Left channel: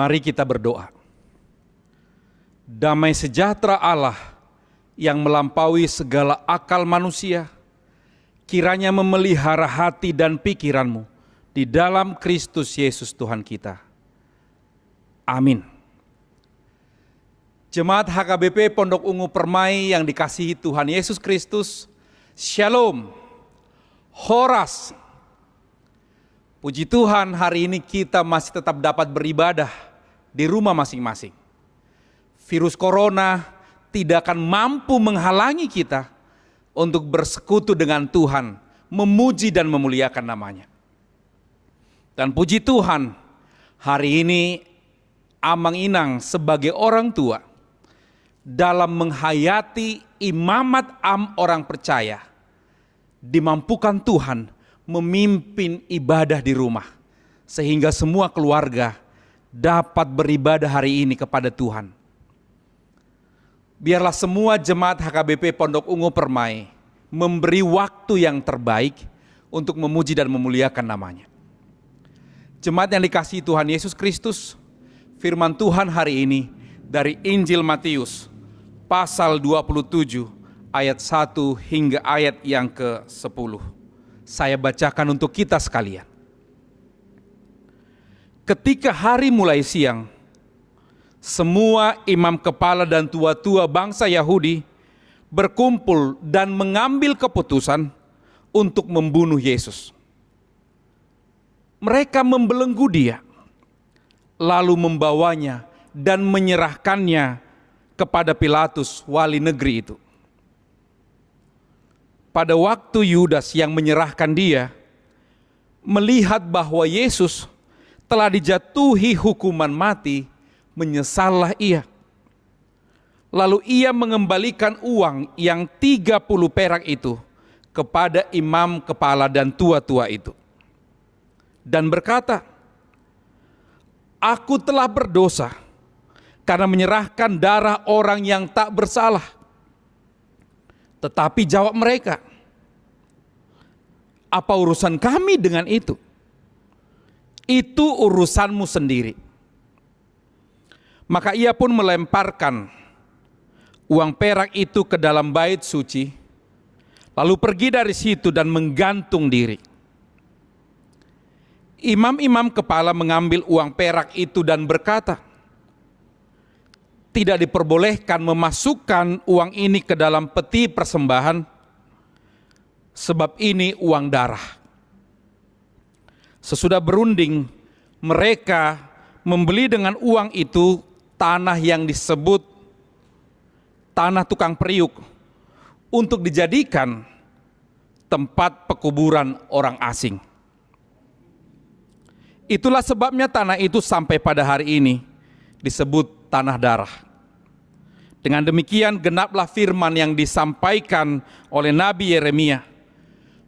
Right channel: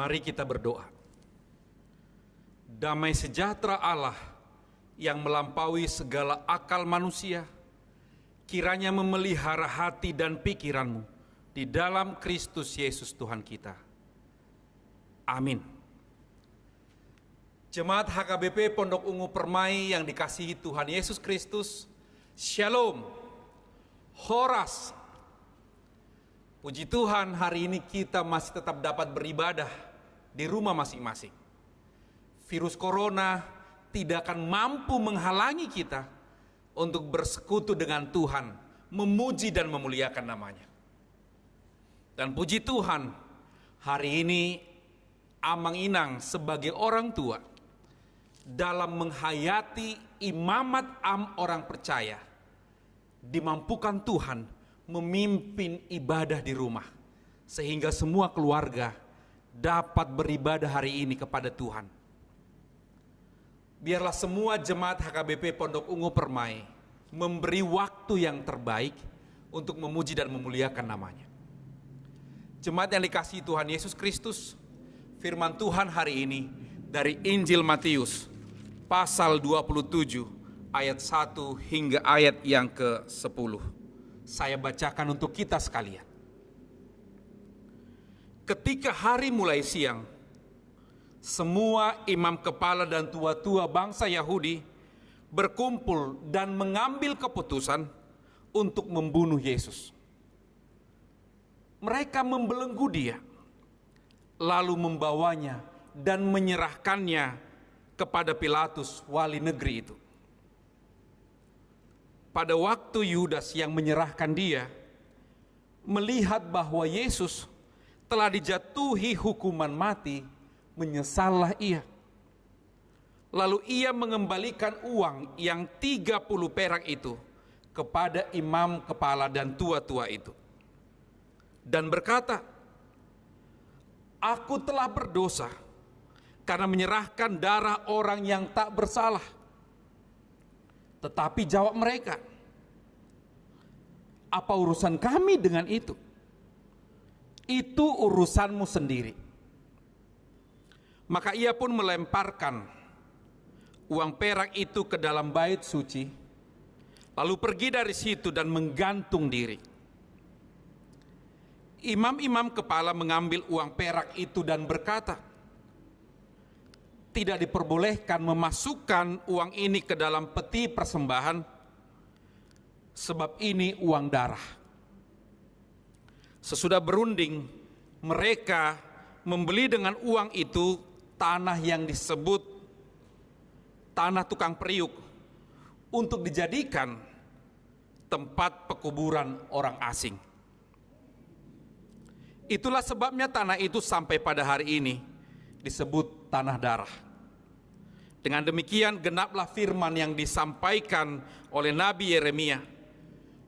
Mari kita berdoa. Damai sejahtera Allah yang melampaui segala akal manusia, kiranya memelihara hati dan pikiranmu di dalam Kristus Yesus Tuhan kita. Amin. Jemaat HKBP Pondok Ungu Permai yang dikasihi Tuhan Yesus Kristus, Shalom, Horas. Puji Tuhan, hari ini kita masih tetap dapat beribadah di rumah masing-masing. Virus corona tidak akan mampu menghalangi kita untuk bersekutu dengan Tuhan, memuji dan memuliakan namanya. Dan puji Tuhan, hari ini Amang Inang sebagai orang tua dalam menghayati imamat orang percaya, dimampukan Tuhan memimpin ibadah di rumah, sehingga semua keluarga dapat beribadah hari ini kepada Tuhan. Biarlah semua jemaat HKBP Pondok Ungu Permai memberi waktu yang terbaik untuk memuji dan memuliakan namanya. Jemaat yang dikasihi Tuhan Yesus Kristus, firman Tuhan hari ini dari Injil Matius pasal 27 ayat 1 hingga ayat yang ke-10. Saya bacakan untuk kita sekalian. Ketika hari mulai siang, semua imam kepala dan tua-tua bangsa Yahudi berkumpul dan mengambil keputusan untuk membunuh Yesus. Mereka membelenggu dia, lalu membawanya dan menyerahkannya kepada Pilatus, wali negeri itu. Pada waktu Yudas yang menyerahkan dia, melihat bahwa Yesus telah dijatuhi hukuman mati, menyesallah ia. Lalu ia mengembalikan uang yang 30 perak itu kepada imam kepala dan tua-tua itu. Dan berkata, "Aku telah berdosa karena menyerahkan darah orang yang tak bersalah." Tetapi jawab mereka, "Apa urusan kami dengan itu? Itu urusanmu sendiri." Maka ia pun melemparkan uang perak itu ke dalam bait suci, lalu pergi dari situ dan menggantung diri. Imam-imam kepala mengambil uang perak itu dan berkata, "Tidak diperbolehkan memasukkan uang ini ke dalam peti persembahan, sebab ini uang darah." Sesudah berunding, mereka membeli dengan uang itu tanah yang disebut tanah tukang periuk untuk dijadikan tempat pekuburan orang asing. Itulah sebabnya tanah itu sampai pada hari ini disebut tanah darah. Dengan demikian genaplah firman yang disampaikan oleh Nabi Yeremia.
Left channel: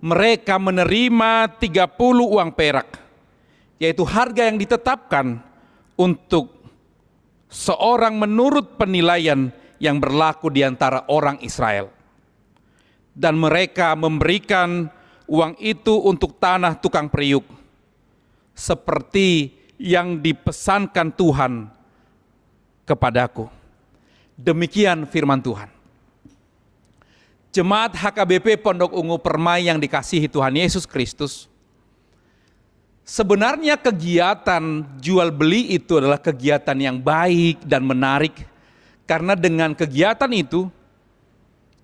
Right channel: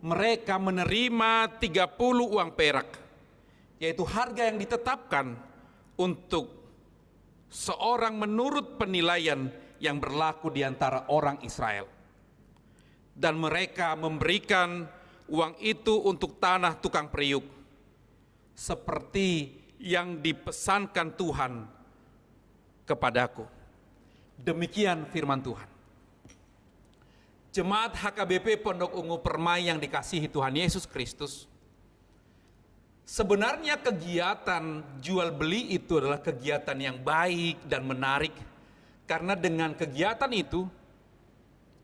Mereka menerima 30 uang perak, yaitu harga yang ditetapkan untuk seorang menurut penilaian yang berlaku di antara orang Israel. Dan mereka memberikan uang itu untuk tanah tukang periuk, seperti yang dipesankan Tuhan kepadaku. Demikian firman Tuhan. Jemaat HKBP Pondok Ungu Permai yang dikasihi Tuhan Yesus Kristus, sebenarnya kegiatan jual beli itu adalah kegiatan yang baik dan menarik, karena dengan kegiatan itu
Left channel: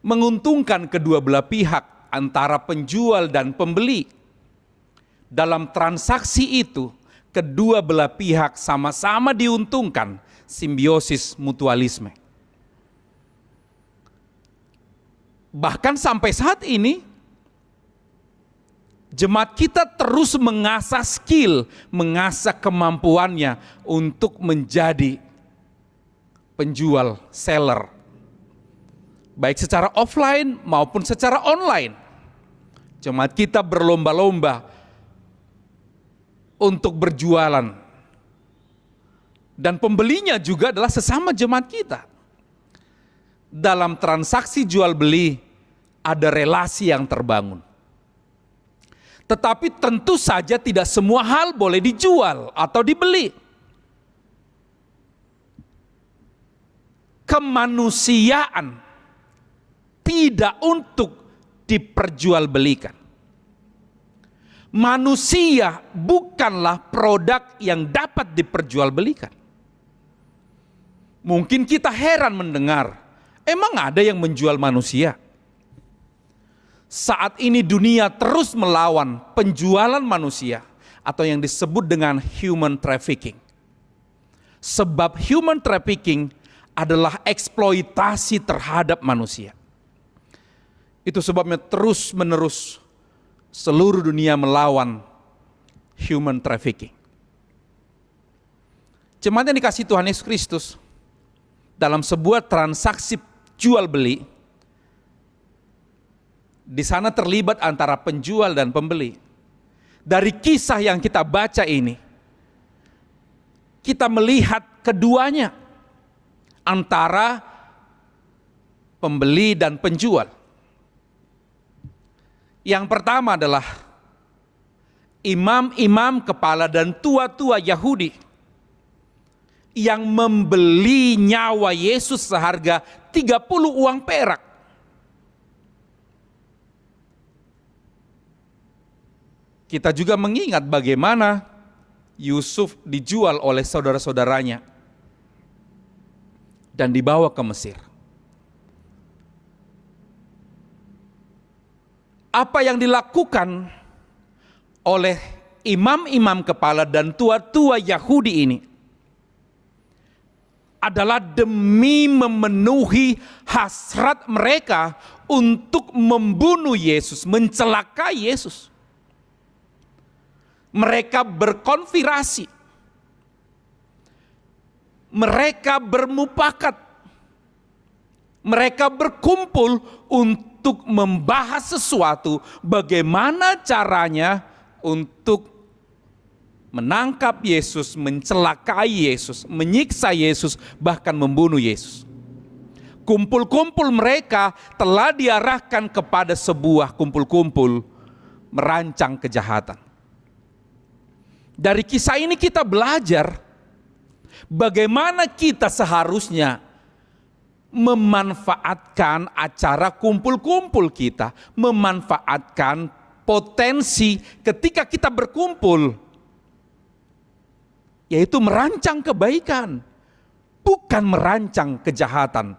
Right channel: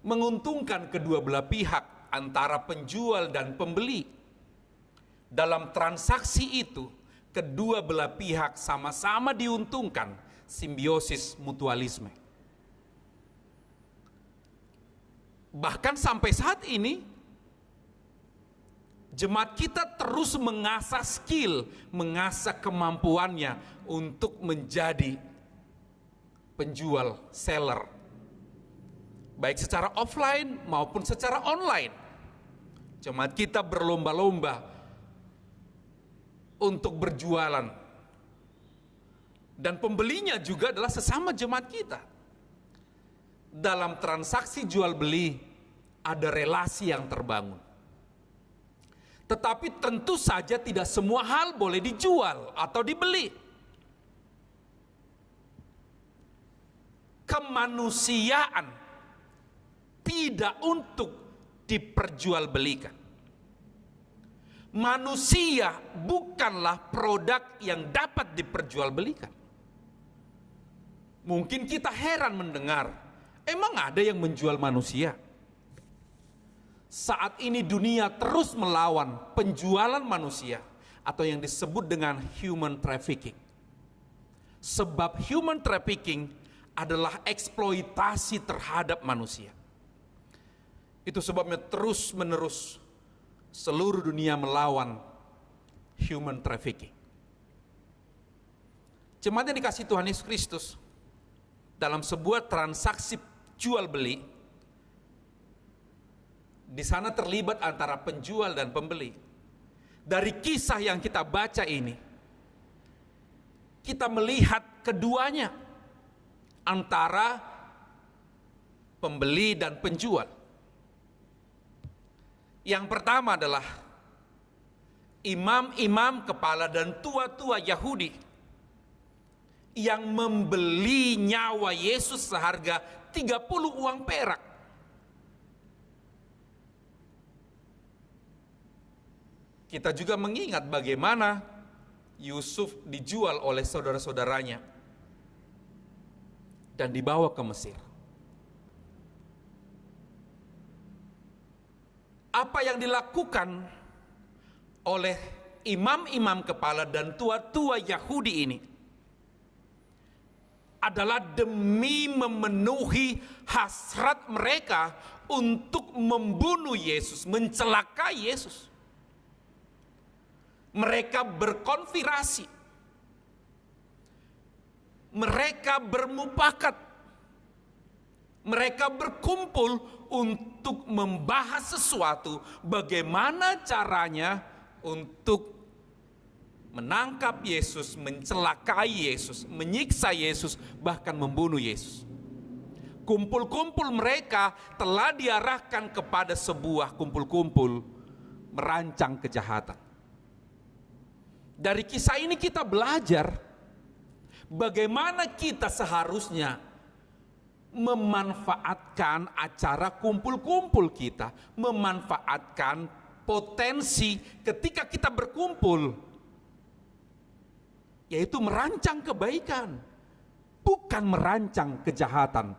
menguntungkan kedua belah pihak antara penjual dan pembeli. Dalam transaksi itu, kedua belah pihak sama-sama diuntungkan, simbiosis mutualisme. Bahkan sampai saat ini, jemaat kita terus mengasah skill, mengasah kemampuannya untuk menjadi penjual, seller. Baik secara offline maupun secara online. Jemaat kita berlomba-lomba untuk berjualan. Dan pembelinya juga adalah sesama jemaat kita. Dalam transaksi jual beli ada relasi yang terbangun. Tetapi tentu saja tidak semua hal boleh dijual atau dibeli. kemanusiaan, tidak untuk diperjualbelikan. Manusia bukanlah produk yang dapat diperjualbelikan. Mungkin kita heran mendengar, emang ada yang menjual manusia? Saat ini dunia terus melawan penjualan manusia atau yang disebut dengan human trafficking. Sebab human trafficking adalah eksploitasi terhadap manusia. Itu sebabnya terus-menerus seluruh dunia melawan human trafficking. Jemaat yang dikasihi Tuhan Yesus Kristus, dalam sebuah transaksi jual beli, di sana terlibat antara penjual dan pembeli. Dari kisah yang kita baca ini, kita melihat keduanya, antara pembeli dan penjual. Yang pertama adalah imam-imam kepala dan tua-tua Yahudi yang membeli nyawa Yesus seharga 30 uang perak. Kita juga mengingat bagaimana Yusuf dijual oleh saudara-saudaranya dan dibawa ke Mesir. Apa yang dilakukan oleh imam-imam kepala dan tua-tua Yahudi ini adalah demi memenuhi hasrat mereka untuk membunuh Yesus, mencelakai Yesus. Mereka berkonspirasi, mereka bermufakat, mereka berkumpul untuk membahas sesuatu bagaimana caranya untuk menangkap Yesus, mencelakai Yesus, menyiksa Yesus, bahkan membunuh Yesus. Kumpul-kumpul mereka telah diarahkan kepada sebuah kumpul-kumpul merancang kejahatan. Dari kisah ini kita belajar bagaimana kita seharusnya memanfaatkan acara kumpul-kumpul kita, memanfaatkan potensi ketika kita berkumpul, yaitu merancang kebaikan, bukan merancang kejahatan.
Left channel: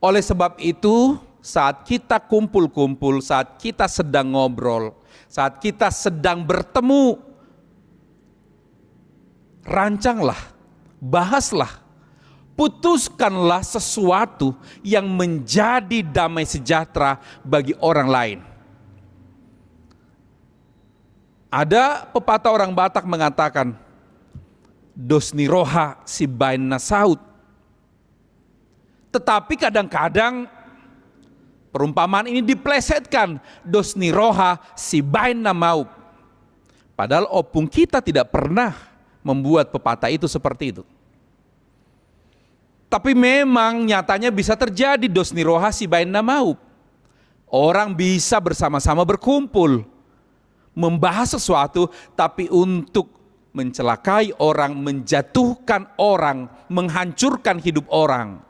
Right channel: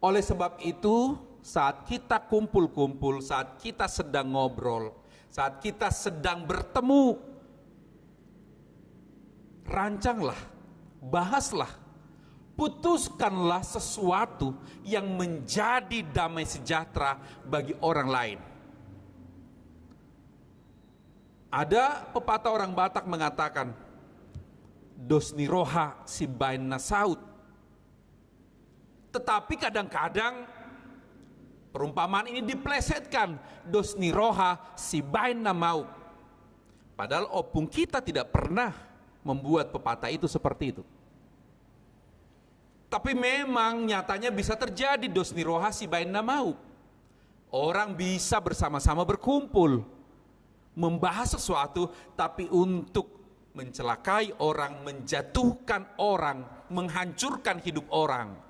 Oleh sebab itu, saat kita kumpul-kumpul, saat kita sedang ngobrol, saat kita sedang bertemu, rancanglah, bahaslah, putuskanlah sesuatu yang menjadi damai sejahtera bagi orang lain. Ada pepatah orang Batak mengatakan, dos ni roha si bain na saut. Tetapi kadang-kadang perumpamaan ini diplesetkan, dos ni roha si bain na mau. Padahal opung kita tidak pernah membuat pepatah itu seperti itu. Tapi memang nyatanya bisa terjadi dos ni roha si bain na mau. Orang bisa bersama-sama berkumpul, membahas sesuatu, tapi untuk mencelakai orang, menjatuhkan orang, menghancurkan hidup orang.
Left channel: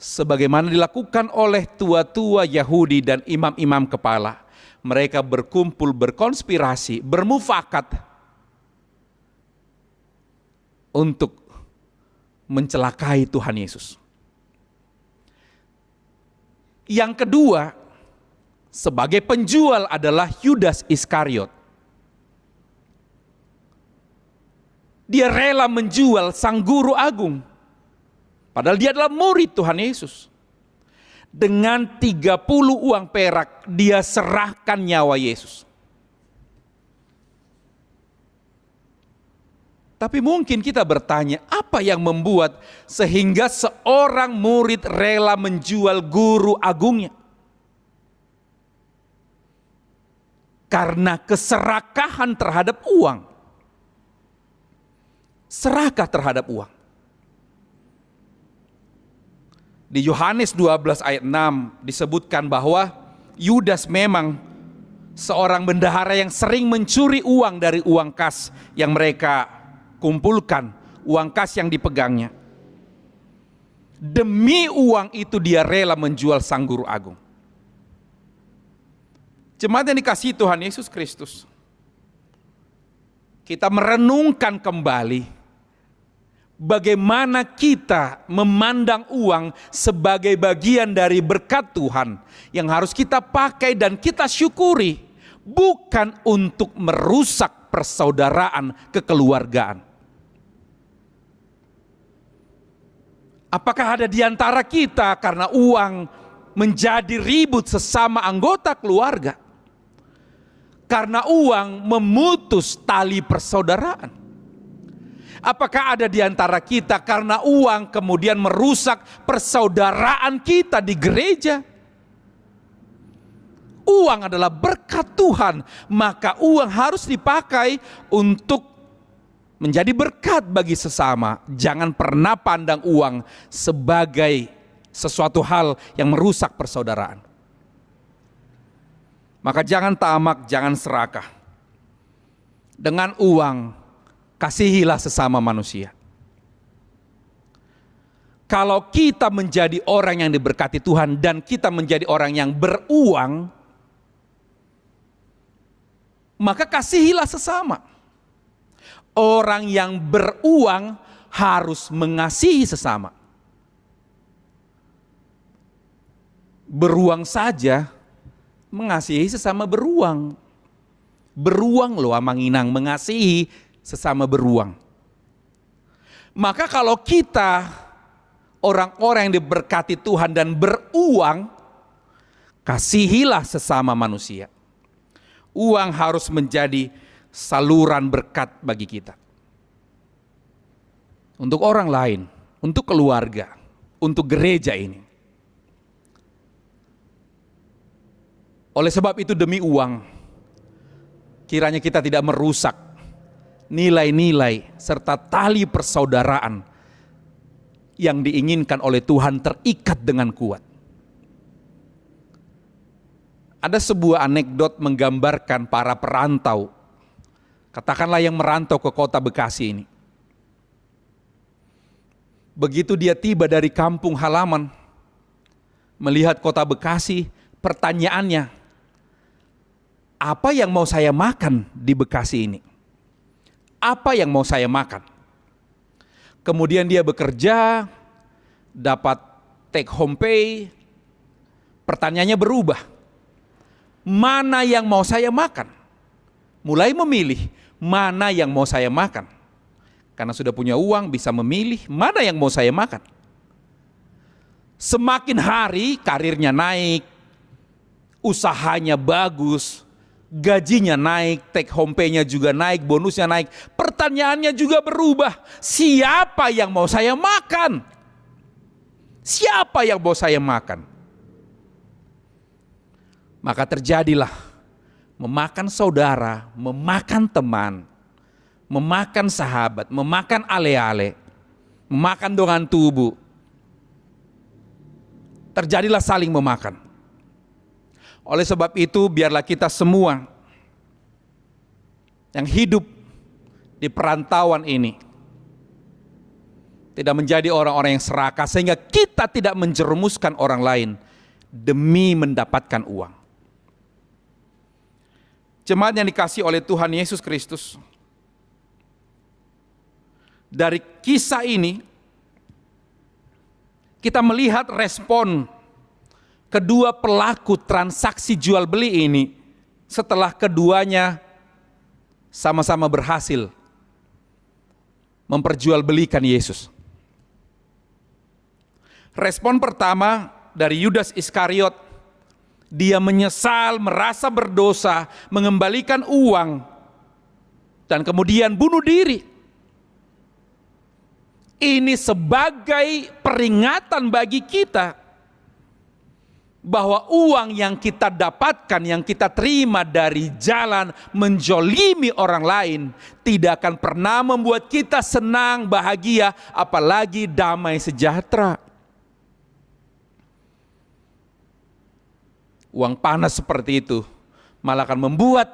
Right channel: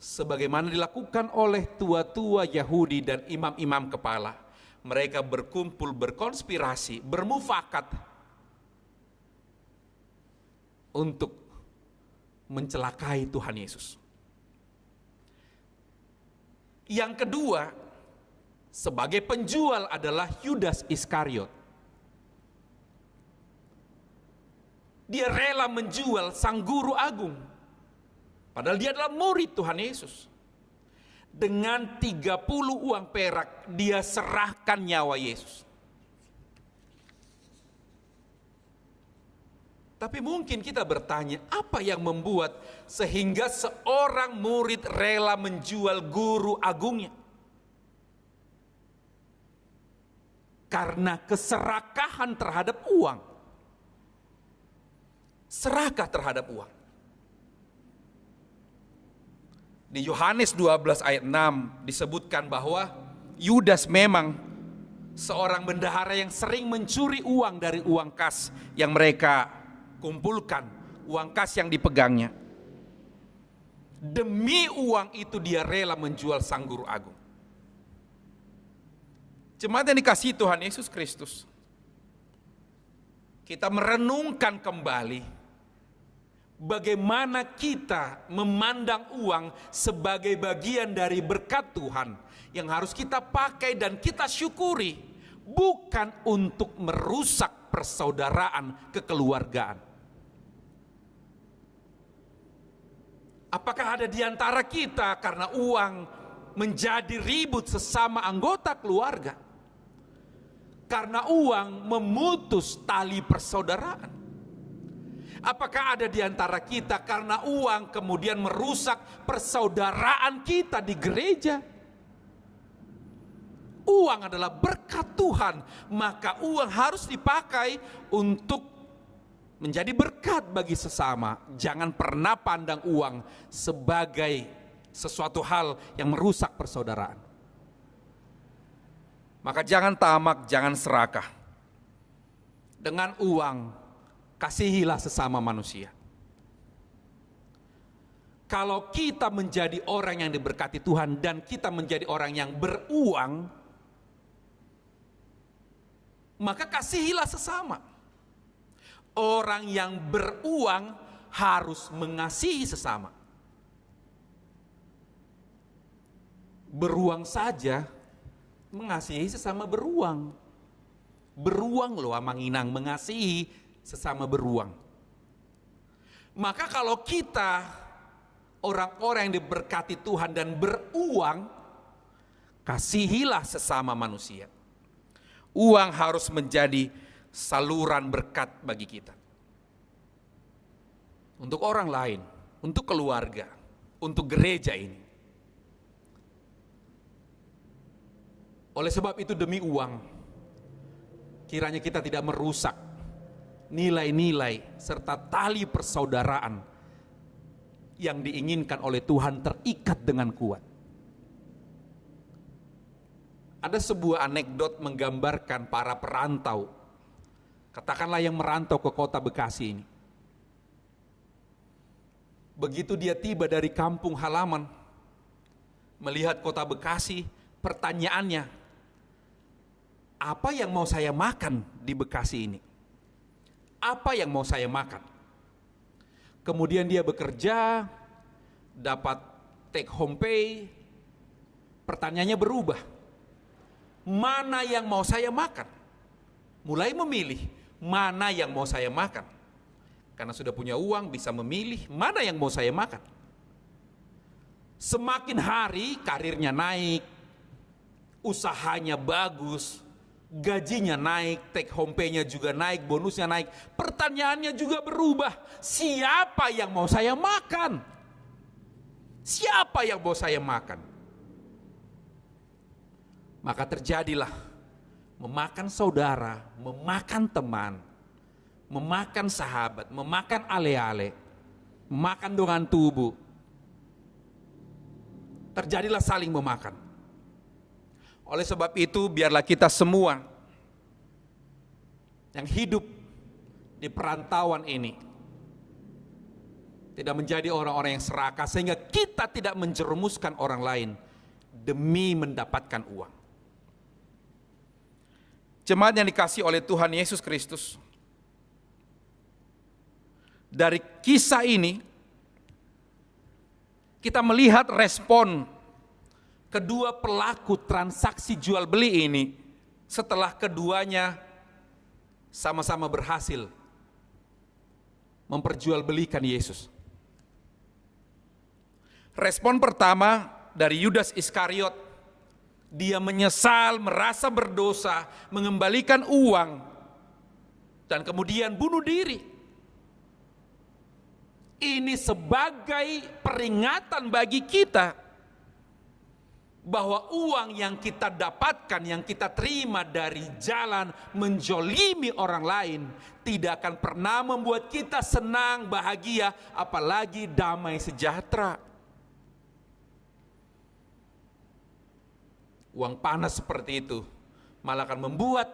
Sebagaimana dilakukan oleh tua-tua Yahudi dan imam-imam kepala. Mereka berkumpul, berkonspirasi, bermufakat untuk mencelakai Tuhan Yesus. Yang kedua, sebagai penjual adalah Yudas Iskariot. Dia rela menjual sang guru agung, padahal dia adalah murid Tuhan Yesus. Dengan 30 uang perak dia serahkan nyawa Yesus. Tapi mungkin kita bertanya, apa yang membuat sehingga seorang murid rela menjual guru agungnya? Karena keserakahan terhadap uang. Serakah terhadap uang. Di Yohanes 12 ayat 6 disebutkan bahwa Yudas memang seorang bendahara yang sering mencuri uang dari uang kas yang mereka kumpulkan, uang kas yang dipegangnya. Demi uang itu dia rela menjual sang guru agung. Jemaat yang dikasihi Tuhan Yesus Kristus, kita merenungkan kembali bagaimana kita memandang uang sebagai bagian dari berkat Tuhan yang harus kita pakai dan kita syukuri, bukan untuk merusak persaudaraan kekeluargaan. Apakah ada di antara kita karena uang menjadi ribut sesama anggota keluarga? Karena uang memutus tali persaudaraan. Apakah ada di antara kita karena uang kemudian merusak persaudaraan kita di gereja? Uang adalah berkat Tuhan, maka uang harus dipakai untuk menjadi berkat bagi sesama. Jangan pernah pandang uang sebagai sesuatu hal yang merusak persaudaraan. Maka jangan tamak, jangan serakah. Dengan uang, kasihilah sesama manusia. Kalau kita menjadi orang yang diberkati Tuhan dan kita menjadi orang yang beruang, maka kasihilah sesama. Orang yang beruang harus mengasihi sesama. Beruang saja mengasihi sesama beruang. Beruang loh Amanginang, mengasihi sesama beruang. Maka kalau kita orang-orang yang diberkati Tuhan dan beruang, kasihilah sesama manusia. Uang harus menjadi saluran berkat bagi kita. Untuk orang lain, untuk keluarga, untuk gereja ini. Oleh sebab itu demi uang, kiranya kita tidak merusak nilai-nilai serta tali persaudaraan yang diinginkan oleh Tuhan terikat dengan kuat. Ada sebuah anekdot menggambarkan para perantau, katakanlah yang merantau ke kota Bekasi ini. Begitu dia tiba dari kampung halaman, melihat kota Bekasi, pertanyaannya, apa yang mau saya makan di Bekasi ini? Apa yang mau saya makan? Kemudian dia bekerja, dapat take home pay, pertanyaannya berubah. Mana yang mau saya makan? Mulai memilih mana yang mau saya makan. Karena sudah punya uang bisa memilih mana yang mau saya makan. Semakin hari karirnya naik, usahanya bagus, gajinya naik, take home pay-nya juga naik, bonusnya naik. Pertanyaannya juga berubah. Siapa yang mau saya makan? Siapa yang mau saya makan? Maka terjadilah memakan saudara, memakan teman, memakan sahabat, memakan ale-ale, memakan dengan tubuh. Terjadilah saling memakan. Oleh sebab itu biarlah kita semua yang hidup di perantauan ini tidak menjadi orang-orang yang serakah sehingga kita tidak menjerumuskan orang lain demi mendapatkan uang. Jemaat yang dikasihi oleh Tuhan Yesus Kristus, dari kisah ini kita melihat respon kedua pelaku transaksi jual beli ini setelah keduanya sama-sama berhasil memperjualbelikan Yesus. Respon pertama dari Yudas Iskariot, dia menyesal, merasa berdosa, mengembalikan uang, dan kemudian bunuh diri. Ini sebagai peringatan bagi kita bahwa uang yang kita dapatkan, yang kita terima dari jalan menjolimi orang lain, tidak akan pernah membuat kita senang, bahagia, apalagi damai sejahtera. Uang panas seperti itu malah akan membuat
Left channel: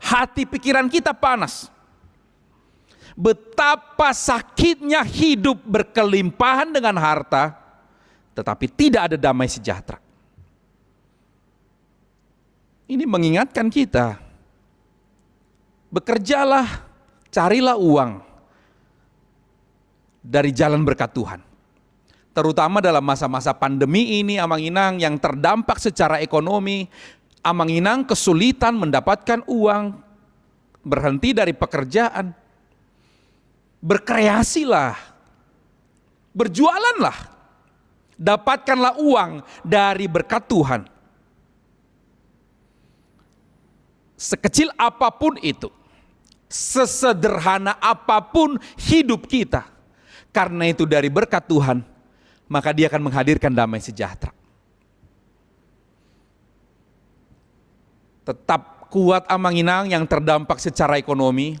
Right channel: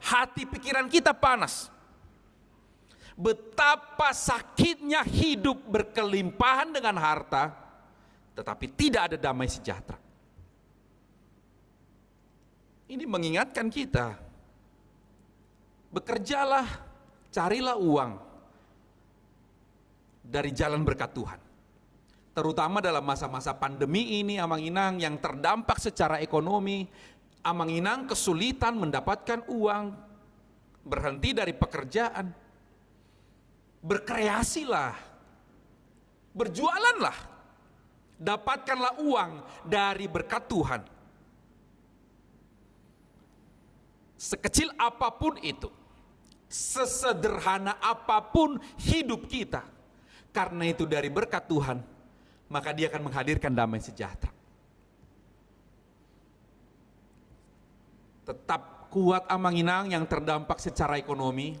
hati pikiran kita panas. Betapa sakitnya hidup berkelimpahan dengan harta, tetapi tidak ada damai sejahtera. Ini mengingatkan kita, bekerjalah, carilah uang dari jalan berkat Tuhan. Terutama dalam masa-masa pandemi ini, Amang Inang yang terdampak secara ekonomi, Amang Inang kesulitan mendapatkan uang, berhenti dari pekerjaan. Berkreasilah, berjualanlah, dapatkanlah uang dari berkat Tuhan. Sekecil apapun itu, sesederhana apapun hidup kita, karena itu dari berkat Tuhan, maka Dia akan menghadirkan damai sejahtera. Tetap kuat Amang Inang yang terdampak secara ekonomi,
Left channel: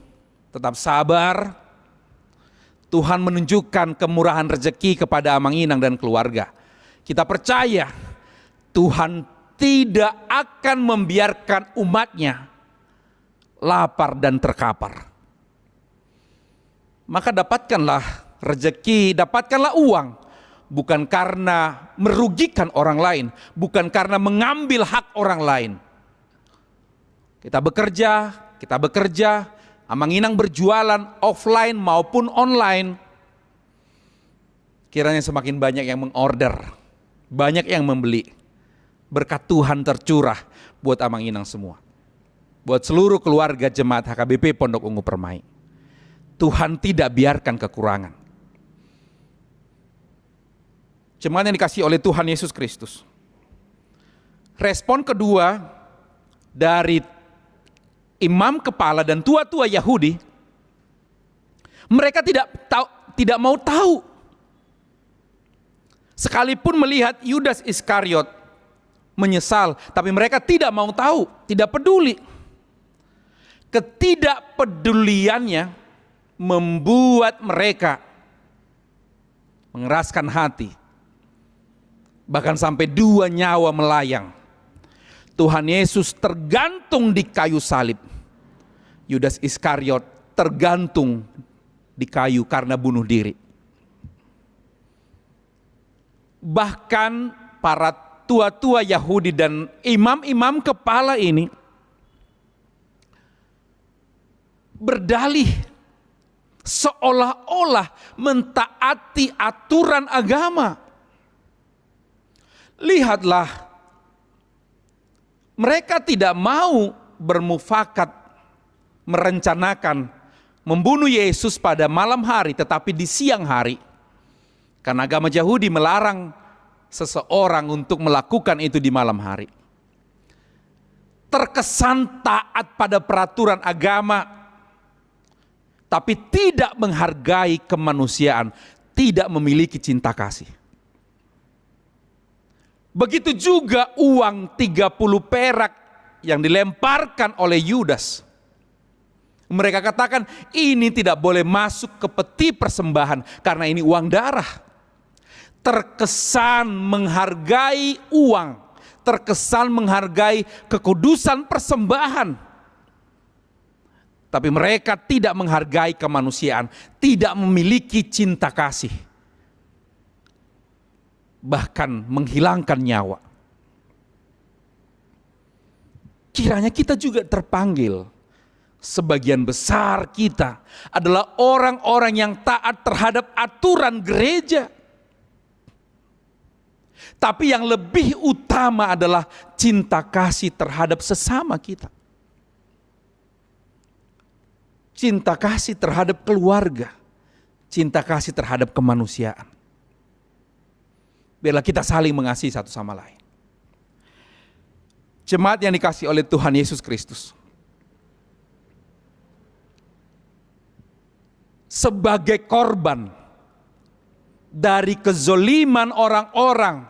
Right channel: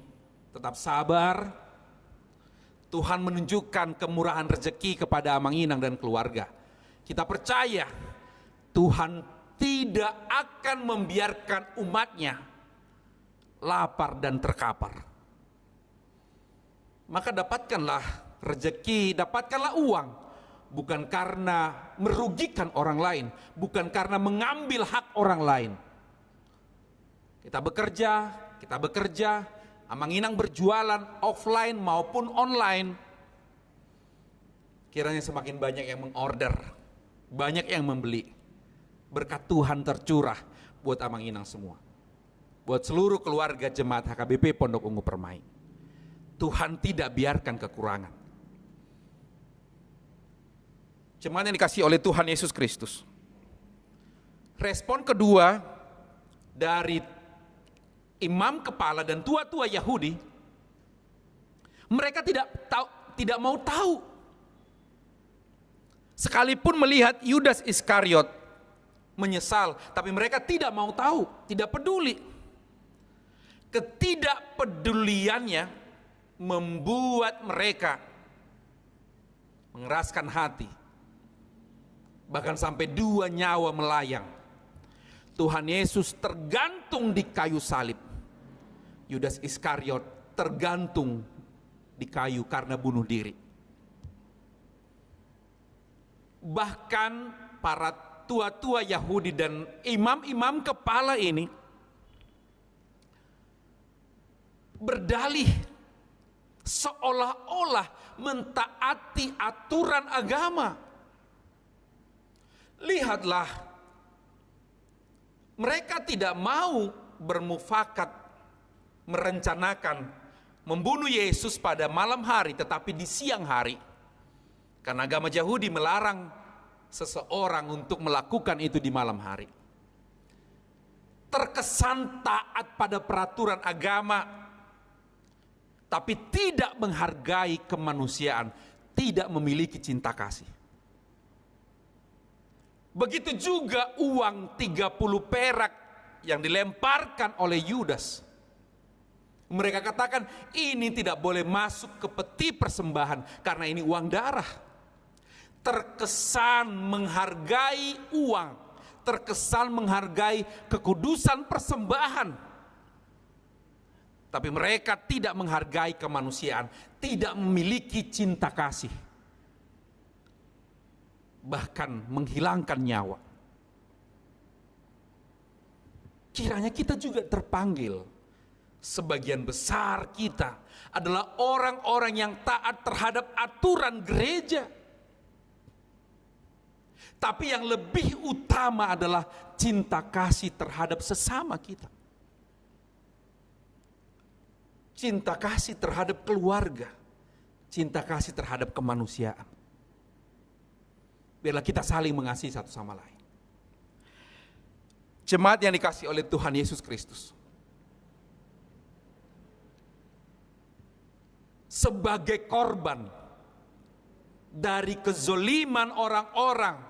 tetap sabar. Tuhan menunjukkan kemurahan rezeki kepada Amang Inang dan keluarga. Kita percaya Tuhan tidak akan membiarkan umatnya lapar dan terkapar. Maka dapatkanlah rezeki, dapatkanlah uang, bukan karena merugikan orang lain, bukan karena mengambil hak orang lain. Kita bekerja, Amang Inang berjualan offline maupun online. Kiranya semakin banyak yang mengorder, banyak yang membeli. Berkat Tuhan tercurah buat Amang Inang semua. Buat seluruh keluarga jemaat HKBP Pondok Ungu Permai. Tuhan tidak biarkan kekurangan. Jemaat yang dikasihi oleh Tuhan Yesus Kristus. Respon kedua dari imam kepala dan tua-tua Yahudi, mereka tidak mau tahu. Sekalipun melihat Yudas Iskariot menyesal, tapi mereka tidak mau tahu, tidak peduli. Ketidakpeduliannya membuat mereka mengeraskan hati, bahkan sampai 2 nyawa melayang. Tuhan Yesus tergantung di kayu salib, Yudas Iskariot tergantung di kayu karena bunuh diri. Bahkan para tua-tua Yahudi dan imam-imam kepala ini berdalih seolah-olah mentaati aturan agama. Lihatlah, mereka tidak mau bermufakat merencanakan membunuh Yesus pada malam hari, tetapi di siang hari. Karena agama Yahudi melarang seseorang untuk melakukan itu di malam hari. Terkesan taat pada peraturan agama, tapi tidak menghargai kemanusiaan, tidak memiliki cinta kasih. Begitu juga uang 30 perak yang dilemparkan oleh Yudas. Mereka katakan ini tidak boleh masuk ke peti persembahan karena ini uang darah. Terkesan menghargai uang, terkesan menghargai kekudusan persembahan. Tapi mereka tidak menghargai kemanusiaan, tidak memiliki cinta kasih. Bahkan menghilangkan nyawa. Kiranya kita juga terpanggil. Sebagian besar kita adalah orang-orang yang taat terhadap aturan gereja. Tapi yang lebih utama adalah cinta kasih terhadap sesama kita. Cinta kasih terhadap keluarga. Cinta kasih terhadap kemanusiaan. Biarlah kita saling mengasihi satu sama lain. Jemaat yang dikasihi oleh Tuhan Yesus Kristus. Sebagai korban dari kezoliman orang-orang,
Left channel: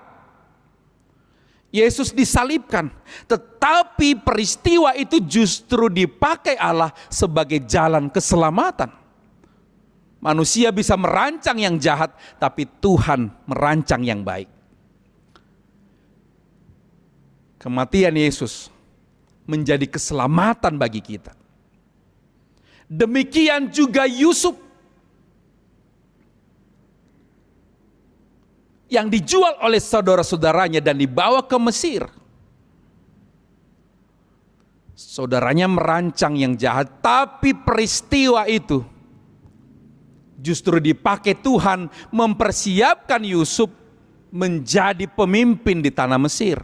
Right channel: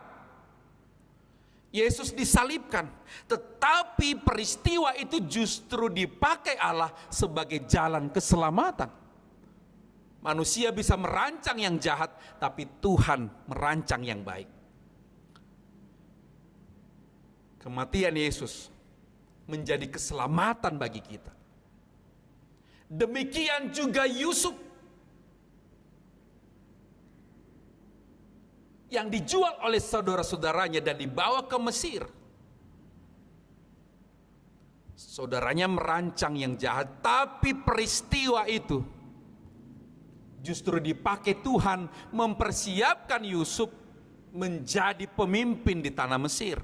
Yesus disalibkan, tetapi peristiwa itu justru dipakai Allah sebagai jalan keselamatan. Manusia bisa merancang yang jahat, tapi Tuhan merancang yang baik. Kematian Yesus menjadi keselamatan bagi kita. Demikian juga Yusuf. yang dijual oleh saudara-saudaranya dan dibawa ke Mesir. Saudaranya merancang yang jahat, tapi peristiwa itu justru dipakai Tuhan mempersiapkan Yusuf menjadi pemimpin di tanah Mesir.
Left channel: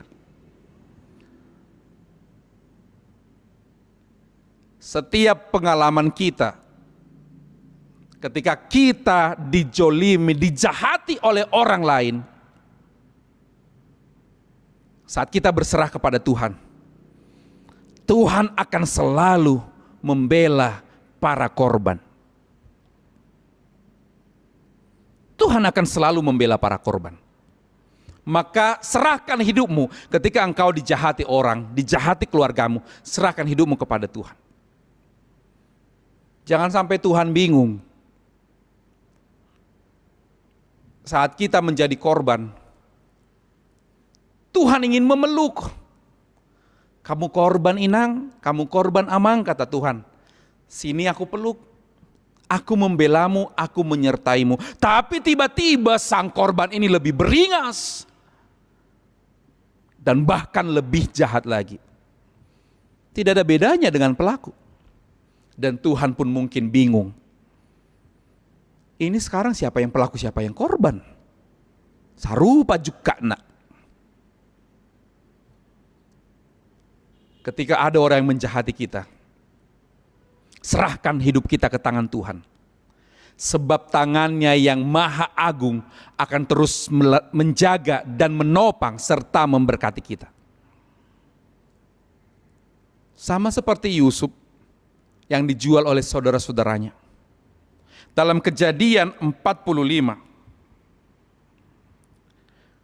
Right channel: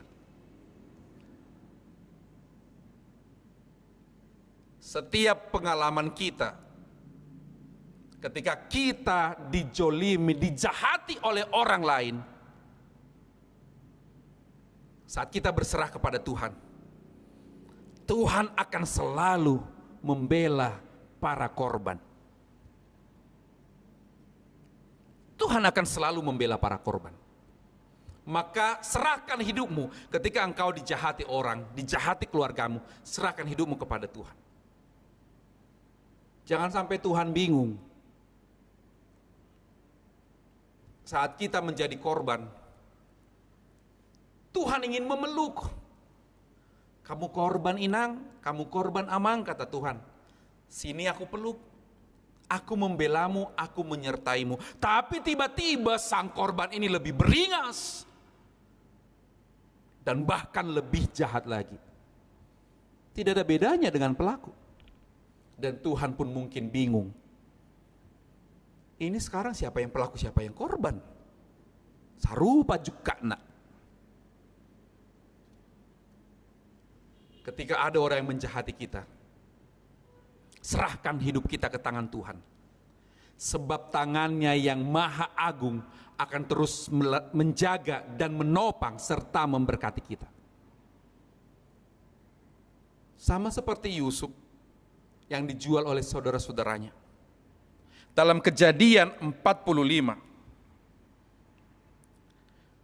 Setiap pengalaman kita, ketika kita dijolimi, dijahati oleh orang lain, saat kita berserah kepada Tuhan, Tuhan akan selalu membela para korban. Tuhan akan selalu membela para korban. Maka serahkan hidupmu ketika engkau dijahati orang, dijahati keluargamu, serahkan hidupmu kepada Tuhan. Jangan sampai Tuhan bingung saat kita menjadi korban. Tuhan ingin memeluk. Kamu korban Inang, kamu korban Amang, kata Tuhan. Sini aku peluk, aku membelamu, aku menyertaimu. Tapi tiba-tiba sang korban ini lebih beringas. Dan bahkan lebih jahat lagi. Tidak ada bedanya dengan pelaku. Dan Tuhan pun mungkin bingung. Ini sekarang siapa yang pelaku, siapa yang korban? Sarupa juga nak. Ketika ada orang yang menjahati kita, serahkan hidup kita ke tangan Tuhan. Sebab tangannya yang maha agung akan terus menjaga dan menopang serta memberkati kita. Sama seperti Yusuf yang dijual oleh saudara-saudaranya. Dalam Kejadian 45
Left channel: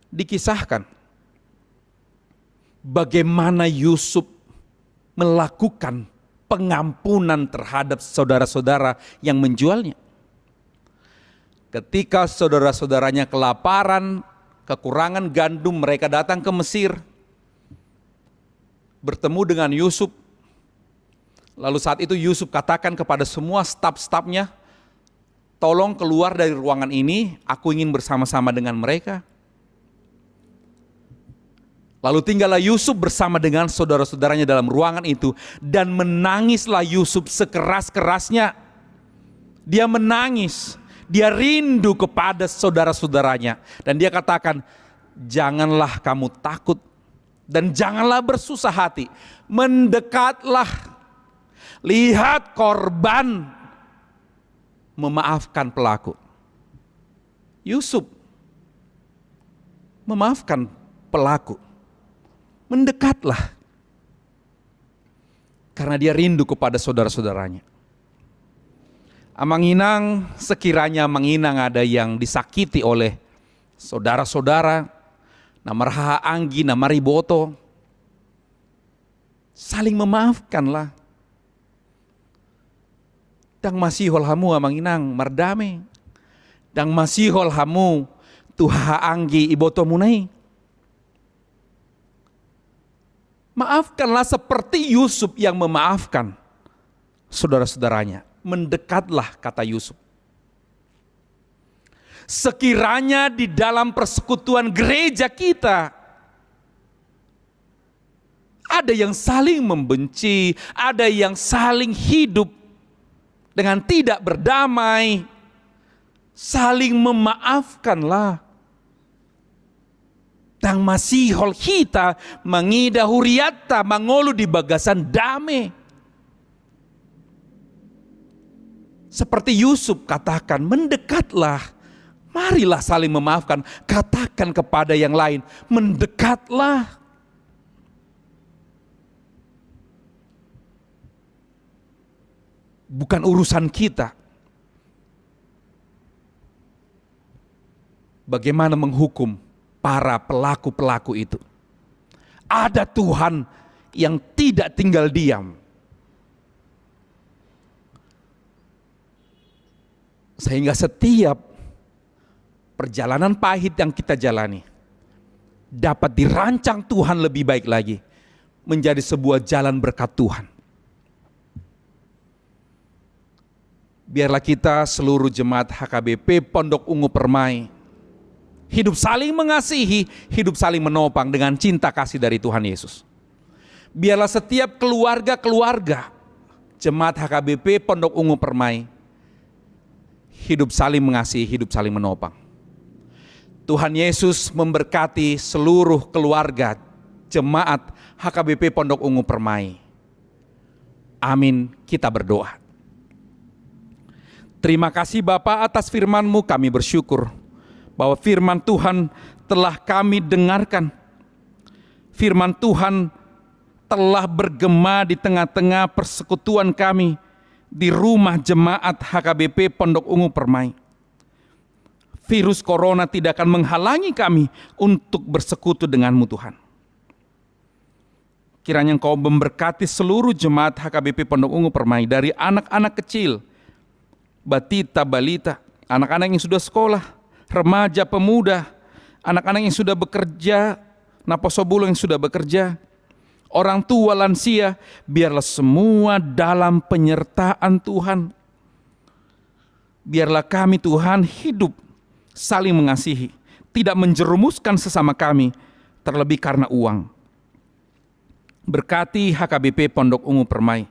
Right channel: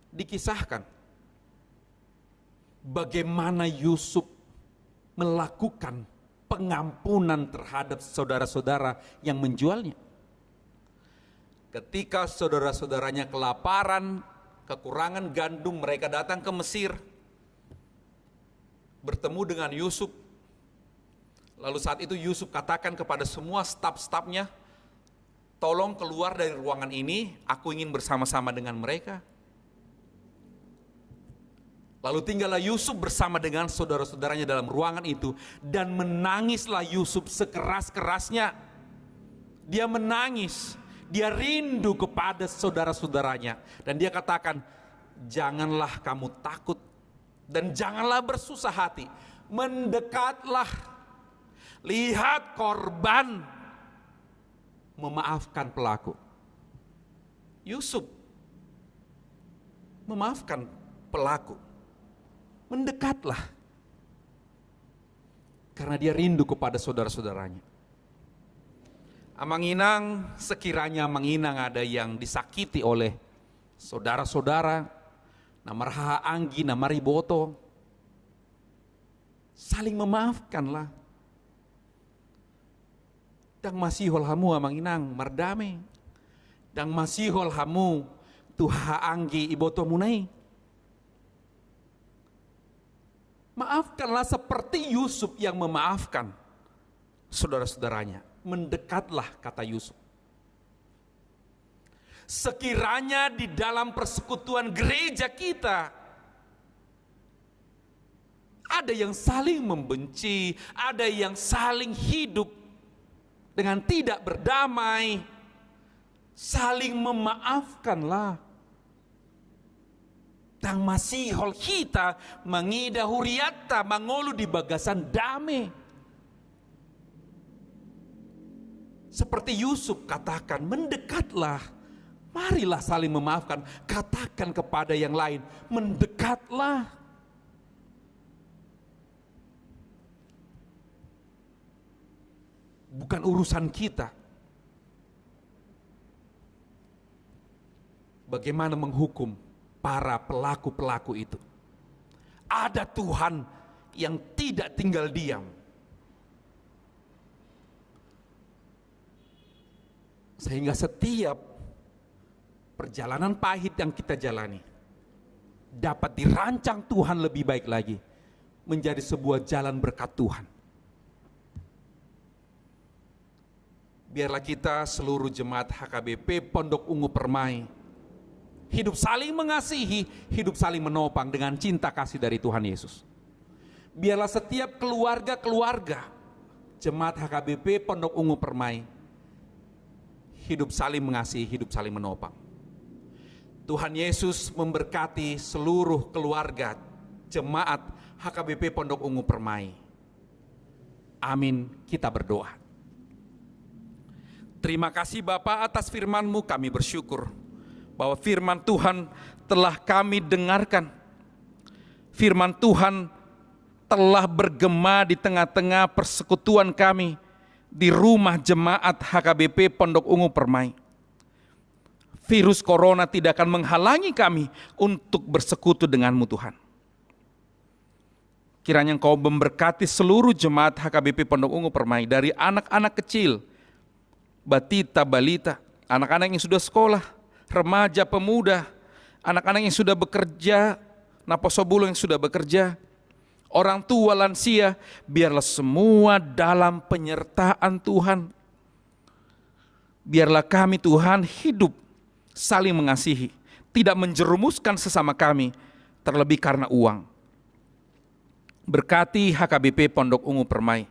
dikisahkan bagaimana Yusuf melakukan pengampunan terhadap saudara-saudara yang menjualnya. Ketika saudara-saudaranya kelaparan, kekurangan gandum, mereka datang ke Mesir, bertemu dengan Yusuf. Lalu saat itu Yusuf katakan kepada semua staf-stafnya, tolong keluar dari ruangan ini, aku ingin bersama-sama dengan mereka. Lalu tinggallah Yusuf bersama dengan saudara-saudaranya dalam ruangan itu. Dan menangislah Yusuf sekeras-kerasnya. Dia menangis, dia rindu kepada saudara-saudaranya. Dan dia katakan, janganlah kamu takut dan janganlah bersusah hati. Mendekatlah, lihat korban memaafkan pelaku. Yusuf memaafkan pelaku. Mendekatlah. Karena dia rindu kepada saudara-saudaranya. Amang Inang, sekiranya Amang Inang ada yang disakiti oleh saudara-saudara, Namaraha Anggi, Namariboto, saling memaafkanlah. Dang masihol hamu Amang Inang, mardame. Dang masihol hamu, Tuha Anggi, Iboto munai. Maafkanlah seperti Yusuf yang memaafkan saudara-saudaranya. Mendekatlah, kata Yusuf. Sekiranya di dalam persekutuan gereja kita ada yang saling membenci, ada yang saling hidup dengan tidak berdamai, saling memaafkanlah. Tang masihol kita mangida huriata mangolu di bagasan dame. Seperti Yusuf katakan, mendekatlah. Marilah saling memaafkan. Katakan kepada yang lain, mendekatlah. Bukan urusan kita bagaimana menghukum para pelaku-pelaku itu. Ada Tuhan yang tidak tinggal diam. Sehingga setiap perjalanan pahit yang kita jalani dapat dirancang Tuhan lebih baik lagi menjadi sebuah jalan berkat Tuhan. Biarlah kita seluruh jemaat HKBP Pondok Ungu Permai hidup saling mengasihi, hidup saling menopang dengan cinta kasih dari Tuhan Yesus. Biarlah setiap keluarga-keluarga Jemaat HKBP Pondok Ungu Permai hidup saling mengasihi, hidup saling menopang. Tuhan Yesus memberkati seluruh keluarga Jemaat HKBP Pondok Ungu Permai. Amin, kita berdoa. Terima kasih Bapa atas firman-Mu, kami bersyukur bahwa firman Tuhan telah kami dengarkan. Firman Tuhan telah bergema di tengah-tengah persekutuan kami di rumah jemaat HKBP Pondok Ungu Permai. Virus corona tidak akan menghalangi kami untuk bersekutu dengan-Mu Tuhan. Kiranya Engkau memberkati seluruh jemaat HKBP Pondok Ungu Permai, dari anak-anak kecil, batita, balita, anak-anak yang sudah sekolah, remaja, pemuda, anak-anak yang sudah bekerja, naposobulu yang sudah bekerja, orang tua, lansia, biarlah semua dalam penyertaan Tuhan. Biarlah kami Tuhan hidup saling mengasihi, tidak menjerumuskan sesama kami, terlebih karena uang. Berkati HKBP Pondok Ungu Permai,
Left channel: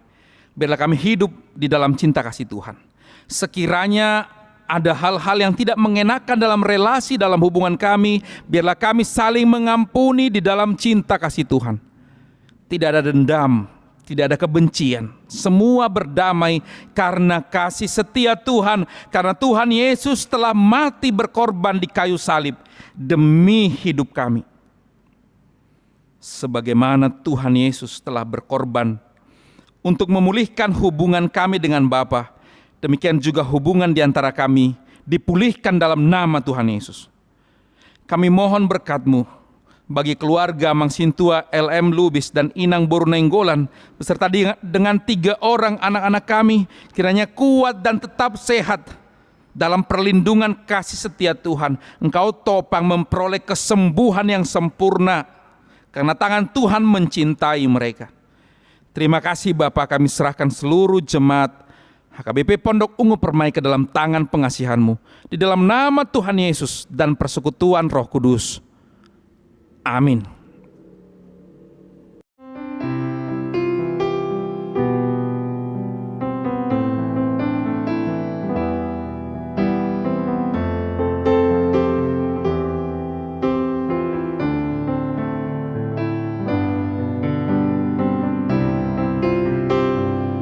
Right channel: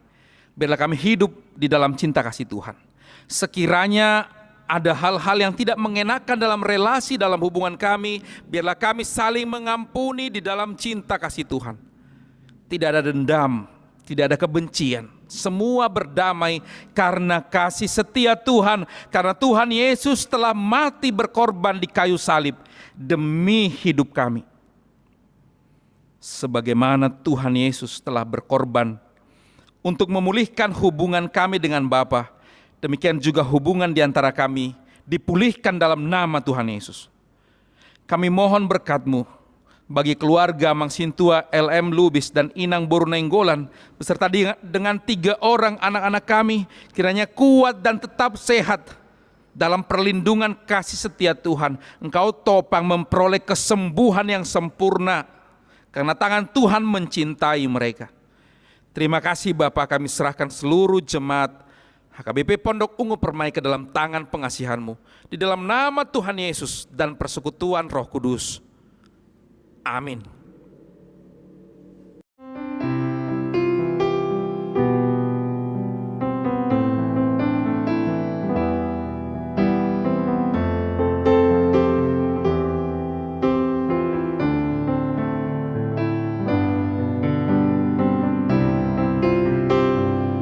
biarlah kami hidup di dalam cinta kasih Tuhan. Sekiranya ada hal-hal yang tidak mengenakan dalam relasi, dalam hubungan kami, biarlah kami saling mengampuni di dalam cinta kasih Tuhan. Tidak ada dendam, tidak ada kebencian. Semua berdamai karena kasih setia Tuhan. Karena Tuhan Yesus telah mati berkorban di kayu salib demi hidup kami. Sebagaimana Tuhan Yesus telah berkorban untuk memulihkan hubungan kami dengan Bapa, demikian juga hubungan di antara kami dipulihkan dalam nama Tuhan Yesus. Kami mohon berkat-Mu bagi keluarga Mangsintua LM Lubis dan Inang Bornenggolan beserta dengan 3 orang anak-anak kami, kiranya kuat dan tetap sehat dalam perlindungan kasih setia Tuhan. Engkau topang memperoleh kesembuhan yang sempurna karena tangan Tuhan mencintai mereka. Terima kasih Bapa, kami serahkan seluruh jemaat HKBP Pondok Ungu Permai ke dalam tangan pengasihan-Mu. Di dalam nama Tuhan Yesus dan persekutuan Roh Kudus. Amin.